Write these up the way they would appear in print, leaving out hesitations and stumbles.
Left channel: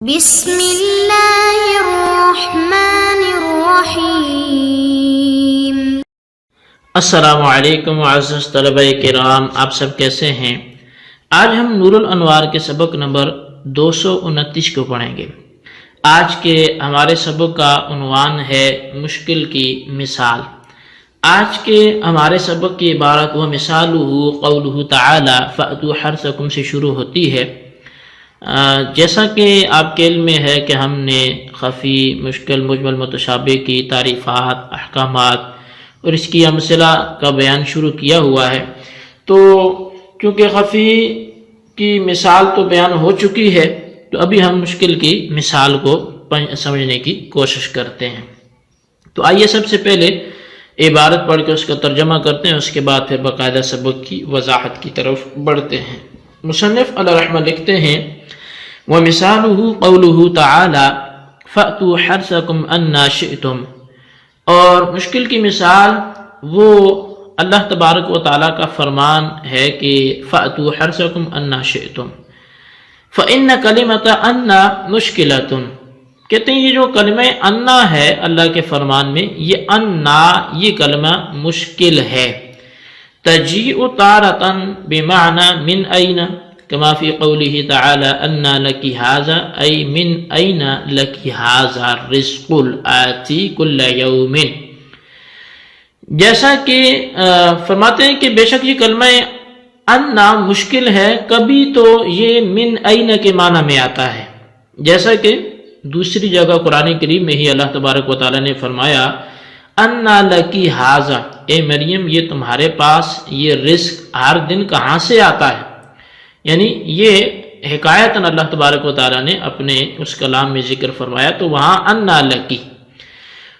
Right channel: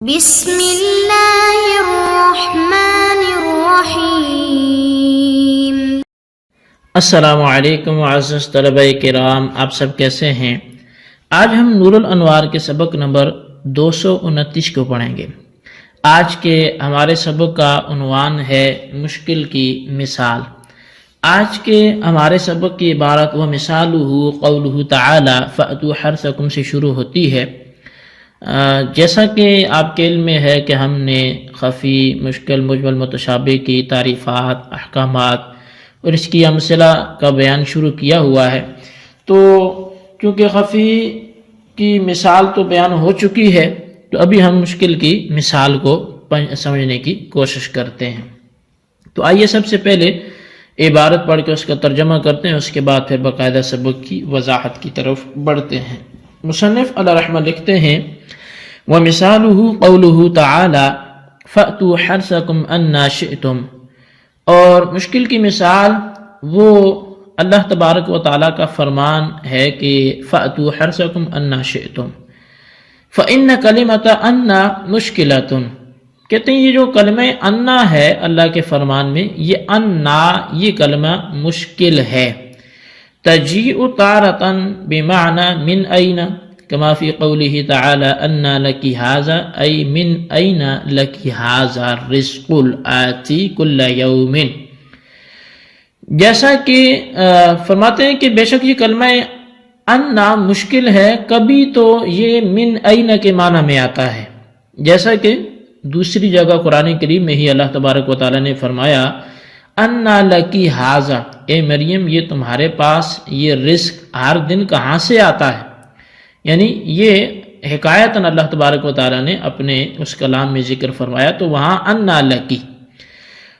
بسم اللہ الرحمن الرحیم۔ السلام علیکم معزز طلبہ کرام، آپ سب کیسے ہیں؟ آج ہم نور الانوار کے سبق نمبر 229 کو پڑھیں گے۔ آج کے ہمارے سبق کا عنوان ہے مشکل کی مثال۔ آج کے ہمارے سبق کی عبارت و مثالہ قولہ تعالی فأتوا حرثکم سے شروع ہوتی ہے۔ جیسا کہ آپ کے علم میں ہے کہ ہم نے خفی، مشکل، مجمل، متشابہ کی تعریفات، احکامات اور اس کی امثلہ کا بیان شروع کیا ہوا ہے، تو چونکہ خفی کی مثال تو بیان ہو چکی ہے، تو ابھی ہم مشکل کی مثال کو سمجھنے کی کوشش کرتے ہیں۔ تو آئیے سب سے پہلے عبارت پڑھ کے اس کا ترجمہ کرتے ہیں، اس کے بعد پھر باقاعدہ سبق کی وضاحت کی طرف بڑھتے ہیں۔ مصنف علیہ رحمہ لکھتے ہیں وَمِثَالُهُ قَوْلُهُ تَعَالَى فَأْتُوا حَرْثَكُمْ أَنَّا شِئْتُمْ، اور مشکل کی مثال وہ اللہ تبارک و تعالیٰ کا فرمان ہے کہ فَأْتُوا حَرْثَكُمْ أَنَّا شِئْتُمْ فَإِنَّ كَلِمَةَ أَنَّا مُشْكِلَةٌ، کہتے ہیں یہ جو کلمہ انا ہے اللہ کے فرمان میں، یہ انا یہ کلمہ مشکل ہے۔ تجیء تارة بمعنى من أين، كما في قوله تعالى أنى لك هذا، أي من أين لك هذا الرزق الآتي كل يوم، جیسا کہ فرماتے ہیں کہ بے شک یہ کلمہ انا مشکل ہے، کبھی تو یہ من أين کے معنی میں آتا ہے، جیسا کہ دوسری جگہ قرآن کریم میں ہی اللہ تبارک و تعالیٰ نے فرمایا انا لکی ہاذا، اے مریم یہ تمہارے پاس یہ رزق ہر دن کہاں سے آتا ہے، یعنی یہ حکایتاً اللہ تبارک و تعالیٰ نے اپنے اس کلام میں ذکر فرمایا، تو وہاں انا لکی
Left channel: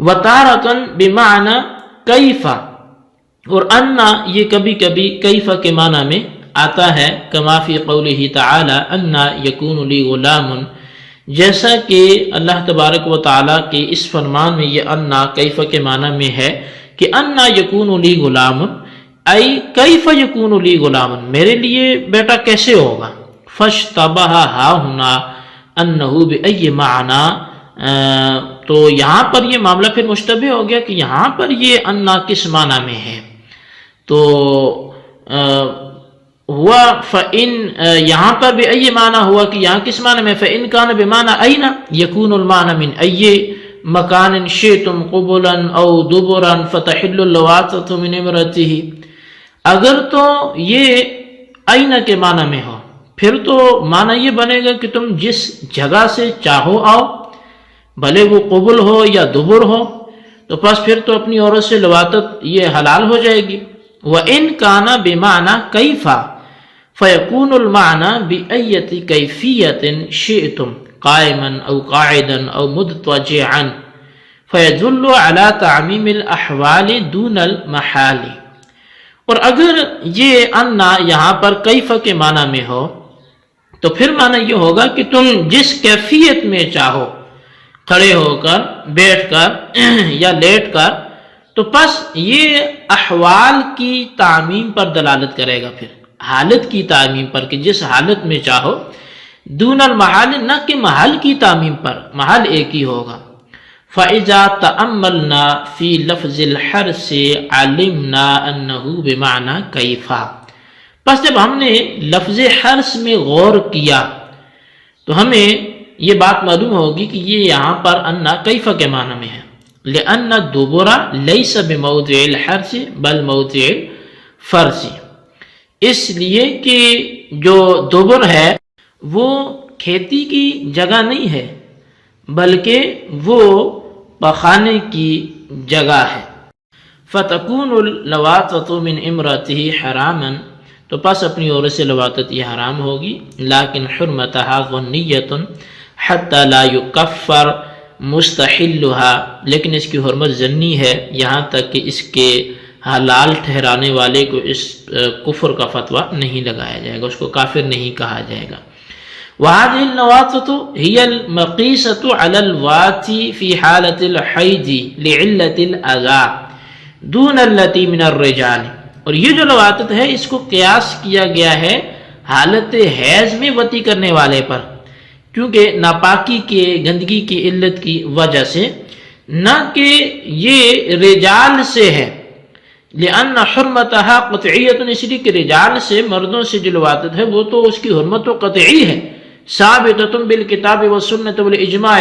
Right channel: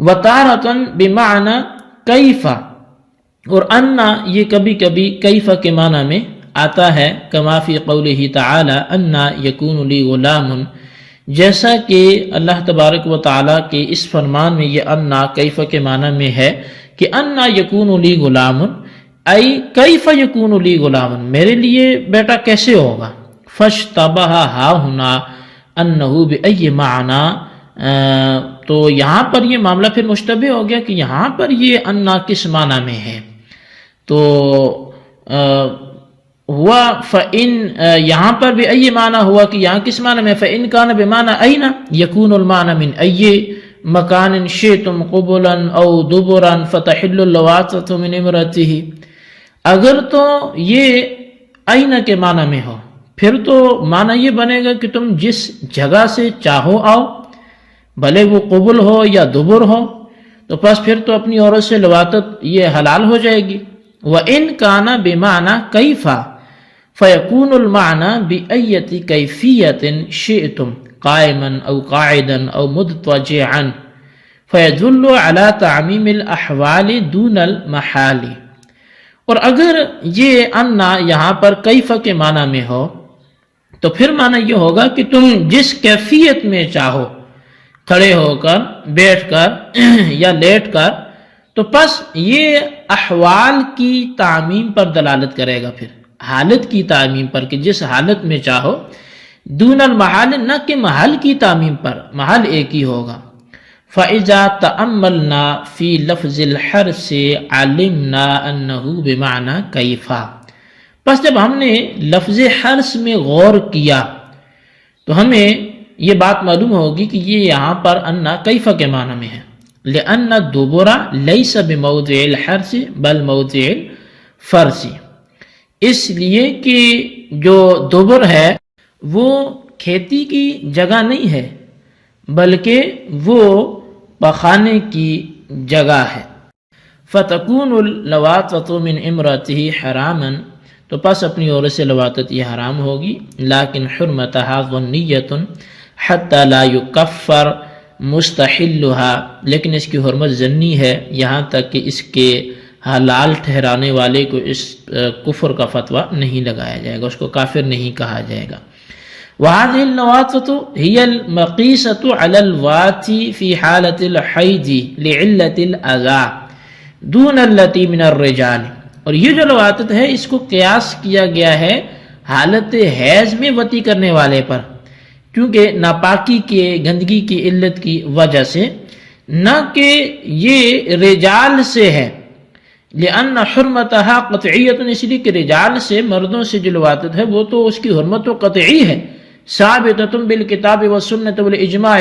وتارتاً بمعنی کیفا، اور انا یہ کبھی کبھی کیفا کے معنی میں آتا ہے، کما فی قولہ تعالی انا یکون لی غلام، جیسا کہ اللہ تبارک و تعالیٰ کے اس فرمان میں یہ انا کیفا کے معنی میں ہے کہ انا یکون لی غلام، ای کیف یکون لی غلام، میرے لیے بیٹا کیسے ہوگا، فاشتبہ ہا ہنا انہ بأی معنی، تو یہاں پر یہ معاملہ پھر مشتبہ ہو گیا کہ یہاں پر یہ انا کس معنی میں ہے، تو ہوا فإن، یہاں پر بأی معنی ہوا کہ یہاں کس معنی میں، فإن کان بمعنی این یکون المعنی من ای مکان شئتم قبلا او دبرا فتحل اللواطة من امرته، اگر تو یہ این کے معنی میں ہو پھر تو معنی یہ بنے گا کہ تم جس جگہ سے چاہو آؤ، بھلے وہ قبل ہو یا دبر ہو، تو پس پھر تو اپنی عورت سے لواطت یہ حلال ہو جائے گی۔ وَإِن كَانَ بِمَعْنَى كَيْفَ فَيَكُونُ الْمَعْنَى بِأَيَّةِ كَيْفِيَّةٍ شِئْتُمْ قَائِمًا أَوْ قَاعِدًا أَوْ مُضْطَجِعًا فَيَدُلُّ عَلَى تَعْمِيمِ الْأَحْوَالِ دُونَ الْمَحَالِ، اور اگر یہ انا یہاں پر کیف کے معنی میں ہو تو پھر معنی یہ ہوگا کہ تم جس کیفیت میں چاہو، کھڑے ہو کر، بیٹھ کر یا لیٹ کر، تو پس یہ احوال کی تعمیم پر دلالت کرے گا، پھر حالت کی تعمیم پر کہ جس حالت میں چاہو، دون المحال نہ کہ محل کی تعمیم پر، محل ایک ہی ہوگا۔ فَإِذَا تَأَمَّلْنَا فِي لَفْظِ الْحَرْثِ عَلِمْنَا أَنَّهُ بِمَعْنَى كَيْفَ، پس جب ہم نے لفظ حرث میں غور کیا تو ہمیں یہ بات معلوم ہوگی کہ یہ یہاں پر انا کیف کے معنی میں ہے، لِأَنَّ الدُّبُرَ لَيْسَ بِمَوْضِعِ الْحَرْثِ بَلْ مَوْضِعِ الْفَرْثِ، اس لیے کہ جو دبر ہے وہ کھیتی کی جگہ نہیں ہے بلکہ وہ پخانے کی جگہ ہے۔ فَتَكُونُ اللَّوَاطَةُ مِنْ إِمْرَتِهِ حَرَامًا، تو پس اپنی عورت سے لواطت یہ حرام ہوگی، لیکن حرمتها ظنیۃ حتی لا یکفر مستحلها، لیکن اس کی حرمت ظنی ہے یہاں تک کہ اس کے حلال ٹھہرانے والے کو اس کفر کا فتویٰ نہیں لگایا جائے گا، اس کو کافر نہیں کہا جائے گا۔ وَهَذِهِ اللَّوَاطَةُ هِيَ الْمَقِيسَةُ عَلَى اللَّوَاطِ فِي حَالَةِ الْحَيْضِ لِعِلَّةِ الْأَذَى دُونَ الَّتِي مِنَ الرِّجَالِ، اور یہ جو لواطت ہے اس کو قیاس کیا گیا ہے حالت حیض میں وطی کرنے والے پر، کیونکہ ناپاکی کے گندگی کی علت کی وجہ سے، نہ کہ یہ رجال سے ہے، لأن حرمتها قطعیت، اس لیے کہ رجال سے، مردوں سے جو لواطت ہے وہ تو اس کی حرمت و قطعی ہے، ثابتۃ بالکتاب والسنۃ والاجماع،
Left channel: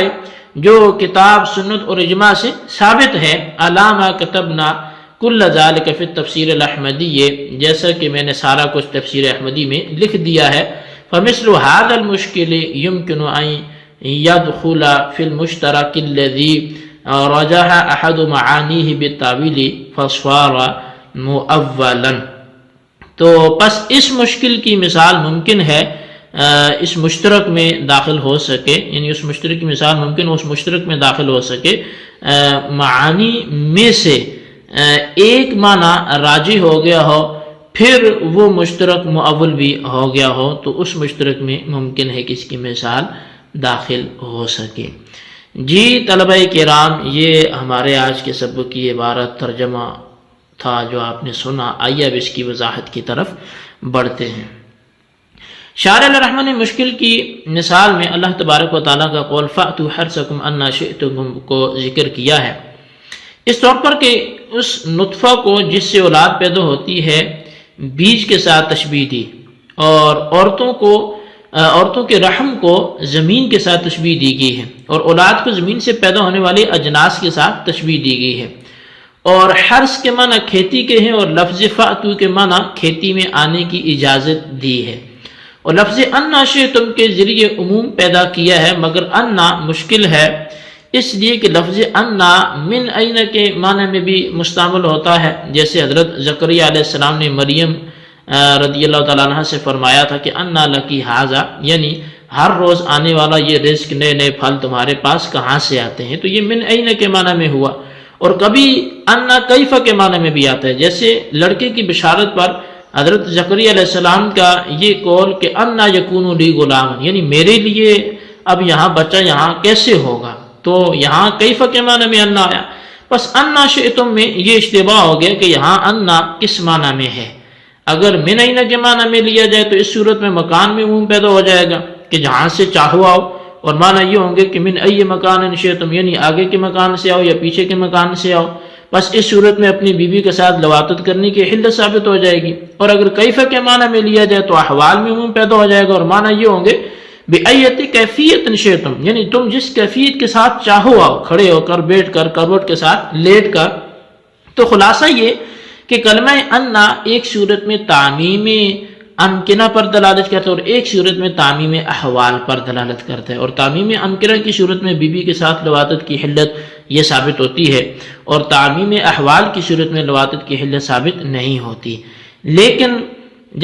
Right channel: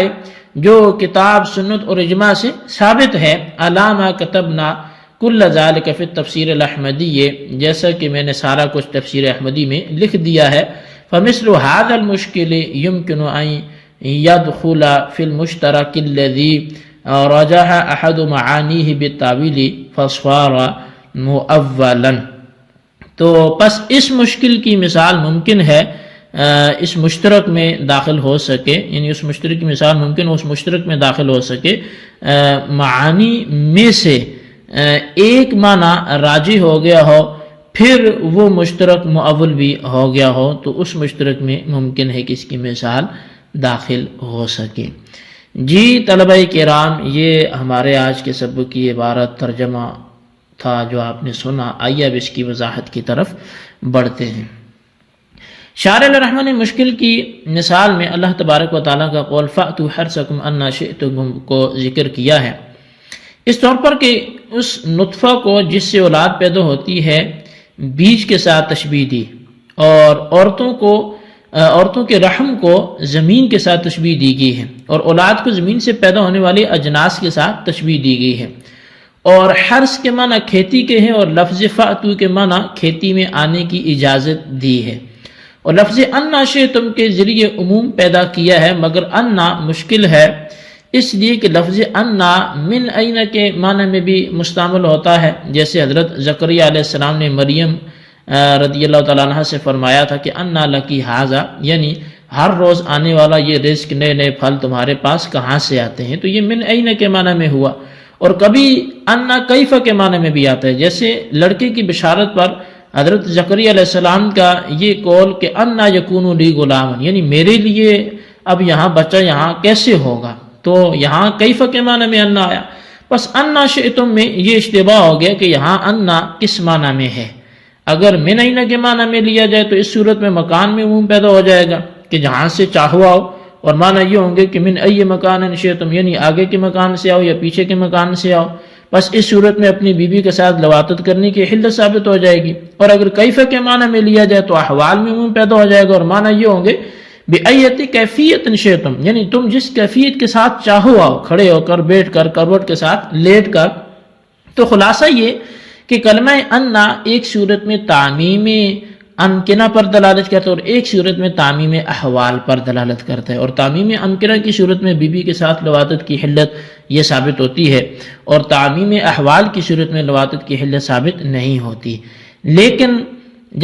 جو کتاب سنت اور اجماع سے ثابت ہے، علامہ کتبنا کل ذالک فی التفسیر الاحمدی، جیسا کہ میں نے سارا کچھ تفسیر احمدی میں لکھ دیا ہے، فمثل هذا المشکل يمكن ان يدخل في المشترك الذي رجح احد معانیہ بالتاویل فصار مؤولا۔ تو پس اس مشکل کی مثال ممکن ہے اس مشترک میں داخل ہو سکے، یعنی اس مشترک کی مثال ممکن اس مشترک میں داخل ہو سکے معانی میں سے ایک معنی راجی ہو گیا ہو، پھر وہ مشترک مؤول بھی ہو گیا ہو، تو اس مشترک میں ممکن ہے کہ اس کی مثال داخل ہو سکے۔ جی طلبہ کرام، یہ ہمارے آج کے سبق کی عبارت ترجمہ تھا جو آپ نے سنا۔ آئیے اب اس کی وضاحت کی طرف بڑھتے ہیں۔ شارح الرحمن نے مشکل کی مثال میں اللہ تبارک و تعالیٰ کا قول فَأْتُوا حَرْثَكُمْ أَنَّا شِئْتُمْ کو ذکر کیا ہے، اس طور پر کہ اس نطفہ کو جس سے اولاد پیدا ہوتی ہے بیج کے ساتھ تشبیہ دی، اور عورتوں کے رحم کو زمین کے ساتھ تشبیہ دی گئی ہے، اور اولاد کو زمین سے پیدا ہونے والے اجناس کے ساتھ تشبیہ دی گئی ہے، اور حرث کے معنی کھیتی کے ہیں، اور لفظ فأتو کے معنی کھیتی میں آنے کی اجازت دی ہے، اور لفظ انا شئتم کے ذریعے عموم پیدا کیا ہے، مگر انا مشکل ہے اس لیے کہ لفظ انا من این کے معنی میں بھی مستعمل ہوتا ہے، جیسے حضرت زکریا علیہ السلام نے مریم رضی اللہ تعالیٰ عنہ سے فرمایا تھا کہ انا لکی ھذا، یعنی ہر روز آنے والا یہ رزق، نئے نئے پھل تمہارے پاس کہاں سے آتے ہیں، تو یہ من این کے معنی میں ہوا۔ اور کبھی انا کیف کے معنی میں بھی آتا ہے، جیسے لڑکے کی بشارت پر حضرت زکریا علیہ السلام کا یہ قول کہ انا یکون لی غلام، یعنی میرے لیے اب یہاں بچہ یہاں کیسے ہوگا، تو یہاں کیف کے معنی میں انا آیا۔ بس انا شئتم میں یہ اشتباہ ہو گیا کہ یہاں انا کس معنی میں ہے۔ اگر من این کے معنی میں لیا جائے تو اس صورت میں مکان میں عموم پیدا ہو جائے گا کہ جہاں سے چاہو آؤ، اور معنی یہ ہوں گے کہ من ای مکان شئتم، یعنی آگے کے مکان سے آؤ یا پیچھے کے مکان سے آؤ۔ بس اس صورت میں اپنی بیوی کے ساتھ لواطت کرنے کی حلت ثابت ہو جائے گی۔ اور اگر کیف کے معنی میں لیا جائے تو احوال میں عموم پیدا ہو جائے گا، اور معنی یہ ہوں گے بِأَيَّةِ کیفیت شئتم، یعنی تم جس کیفیت کے ساتھ چاہو آؤ، کھڑے ہو کر، بیٹھ کر، کروٹ کے ساتھ، لیٹ کر۔ تو خلاصہ یہ کہ کلمہ انا ایک صورت میں تعمیم امکنہ پر دلالت کرتا ہے، اور ایک صورت میں تعمیم احوال پر دلالت کرتا ہے، اور تعمیم امکنہ کی صورت میں بیوی کے ساتھ لواطت کی حلت یہ ثابت ہوتی ہے، اور تعمیم احوال کی صورت میں لواطت کی حلت ثابت نہیں ہوتی۔ لیکن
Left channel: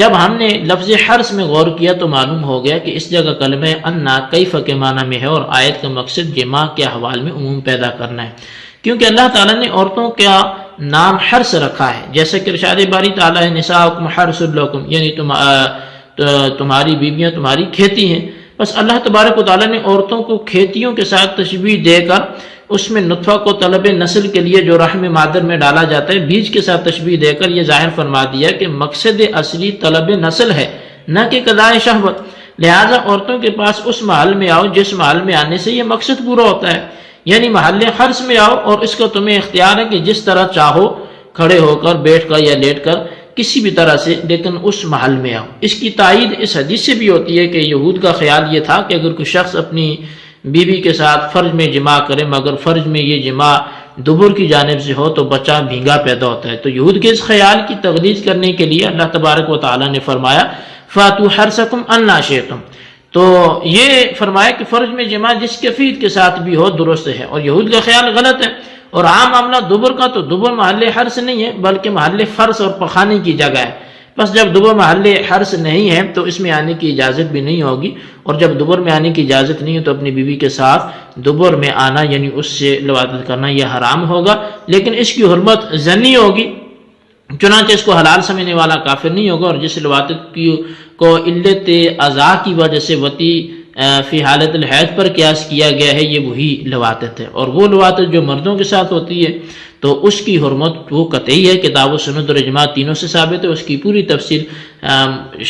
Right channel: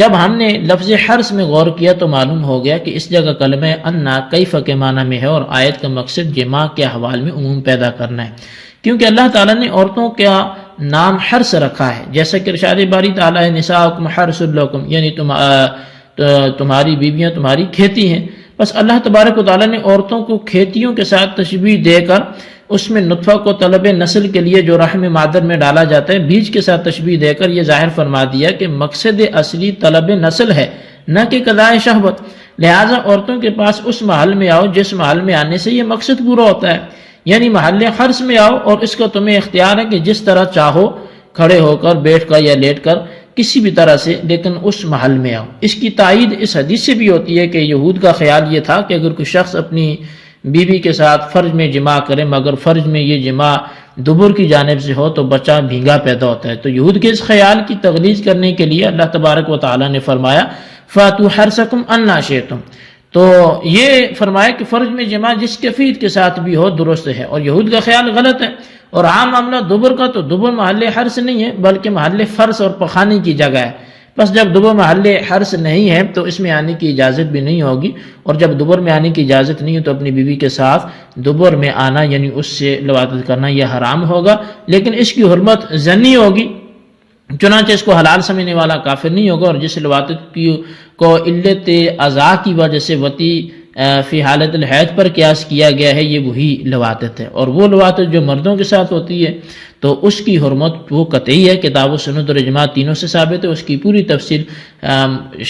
جب ہم نے لفظ حرث میں غور کیا تو معلوم ہو گیا کہ اس جگہ کلمہ انا کیف کے معنی میں ہے، اور آیت کا مقصد جماع کے احوال میں عموم پیدا کرنا ہے، کیونکہ اللہ تعالیٰ نے عورتوں کا نام حرث رکھا ہے، جیسا کہ ارشاد باری تعالیٰ ہے نساؤکم حرث لکم، یعنی تمہاری بیویاں تمہاری کھیتی ہیں۔ بس اللہ تبارک و تعالیٰ نے عورتوں کو کھیتیوں کے ساتھ تشبیہ دے کر اس میں نطفہ کو طلب نسل کے لیے جو رحم مادر میں ڈالا جاتا ہے بیج کے ساتھ تشبیہ دے کر یہ ظاہر فرما دیا کہ مقصد اصلی طلب نسل ہے، نہ کہ قضاء شہوت۔ لہٰذا عورتوں کے پاس اس محل میں آؤ جس محل میں آنے سے یہ مقصد پورا ہوتا ہے، یعنی محل حرث میں آؤ، اور اس کو تمہیں اختیار ہے کہ جس طرح چاہو کھڑے ہو کر، بیٹھ کر یا لیٹ کر، کسی بھی طرح سے، لیکن اس محل میں آؤ۔ اس کی تائید اس حدیث سے بھی ہوتی ہے کہ یہود کا خیال یہ تھا کہ اگر کوئی شخص اپنی بیوی کے ساتھ فرج میں جماع کرے مگر فرج میں یہ جماع دبر کی جانب سے ہو تو بچہ بھینگا پیدا ہوتا ہے، تو یہود کے اس خیال کی تغلیظ کرنے کے لیے اللہ تبارک و تعالیٰ نے فرمایا فَأْتُوا حَرْثَكُمْ أَنَّىٰ شِئْتُمْ، تو یہ فرمایا کہ فرج میں جماع جس کیفیت کے ساتھ بھی ہو درست ہے، اور یہود کا خیال غلط ہے۔ اور عام معاملہ دبر کا تو دبر محل حرث نہیں ہے بلکہ محل فرث اور پخانے کی جگہ ہے، بس جب دبر محل حرث نہیں ہے تو اس میں آنے کی اجازت بھی نہیں ہوگی، اور جب دبر میں آنے کی اجازت نہیں ہے تو اپنی بیوی کے ساتھ دبر میں آنا یعنی اس سے لواطت کرنا یہ حرام ہوگا، لیکن اس کی حرمت ظنی ہوگی، چنانچہ اس کو حلال سمجھنے والا کافر نہیں ہوگا، اور جس لواطت کو علت اعضاء کی وجہ سے وطی فی حالت الحیض پر قیاس کیا گیا ہے یہ وہی لواطت ہے، اور وہ لواطت جو مردوں کے ساتھ ہوتی ہے تو اس کی حرمت وہ قطعی ہے، کتاب و سنت اور اجماع تینوں سے ثابت ہے۔ اس کی پوری تفصیل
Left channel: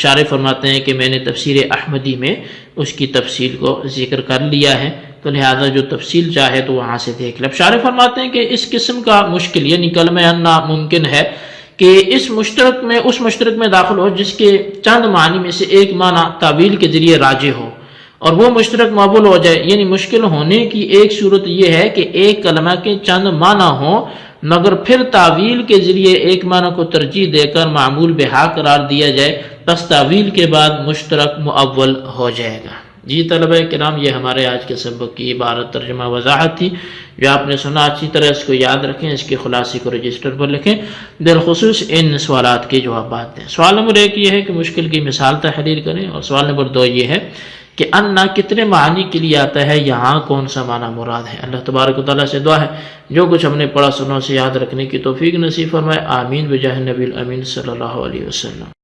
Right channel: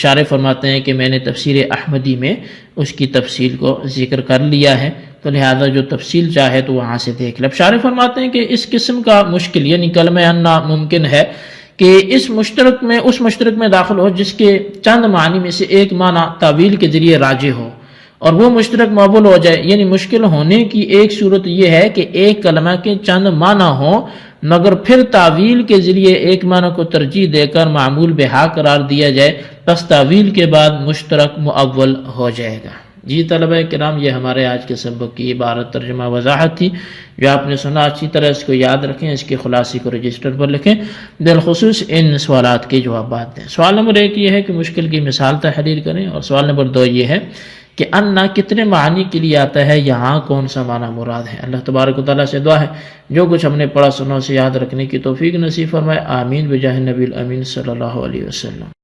شارح فرماتے ہیں کہ میں نے تفسیر احمدی میں اس کی تفصیل کو ذکر کر لیا ہے، تو لہذا جو تفصیل چاہے تو وہاں سے دیکھ لے۔ اب شارح فرماتے ہیں کہ اس قسم کا مشکل یعنی کلمہ انا ممکن ہے کہ اس مشترک میں داخل ہو جس کے چند معنی میں سے ایک معنی تعویل کے ذریعے راجح ہو، اور وہ مشترک مقبول ہو جائے۔ یعنی مشکل ہونے کی ایک صورت یہ ہے کہ ایک کلمہ کے چند معنی ہوں مگر پھر تعویل کے ذریعے ایک معنی کو ترجیح دے کر معمول بہا قرار دیا جائے، پس تعویل کے بعد مشترک مؤول ہو جائے گا۔ جی طلبہ کرام، یہ ہمارے آج کے سبق کی عبارت ترجمہ وضاحت تھی جو آپ نے سنا، اچھی طرح اس کو یاد رکھیں، اس کے خلاصے کو رجسٹر پر لکھیں، بالخصوص ان سوالات کے جوابات دیں۔ سوال نمبر 1 یہ ہے کہ مشکل کی مثال تحریر کریں، اور سوال نمبر 2 یہ ہے کہ انا کتنے معنی کے لیے آتا ہے، یہاں کون سا معنی مراد ہے۔ اللہ تبارک و تعالیٰ سے دعا ہے جو کچھ ہم نے پڑھا سنا اسے یاد رکھنے کی توفیق نصیب فرمائے، آمین بجاہ نبی الامین صلی اللہ علیہ وسلم۔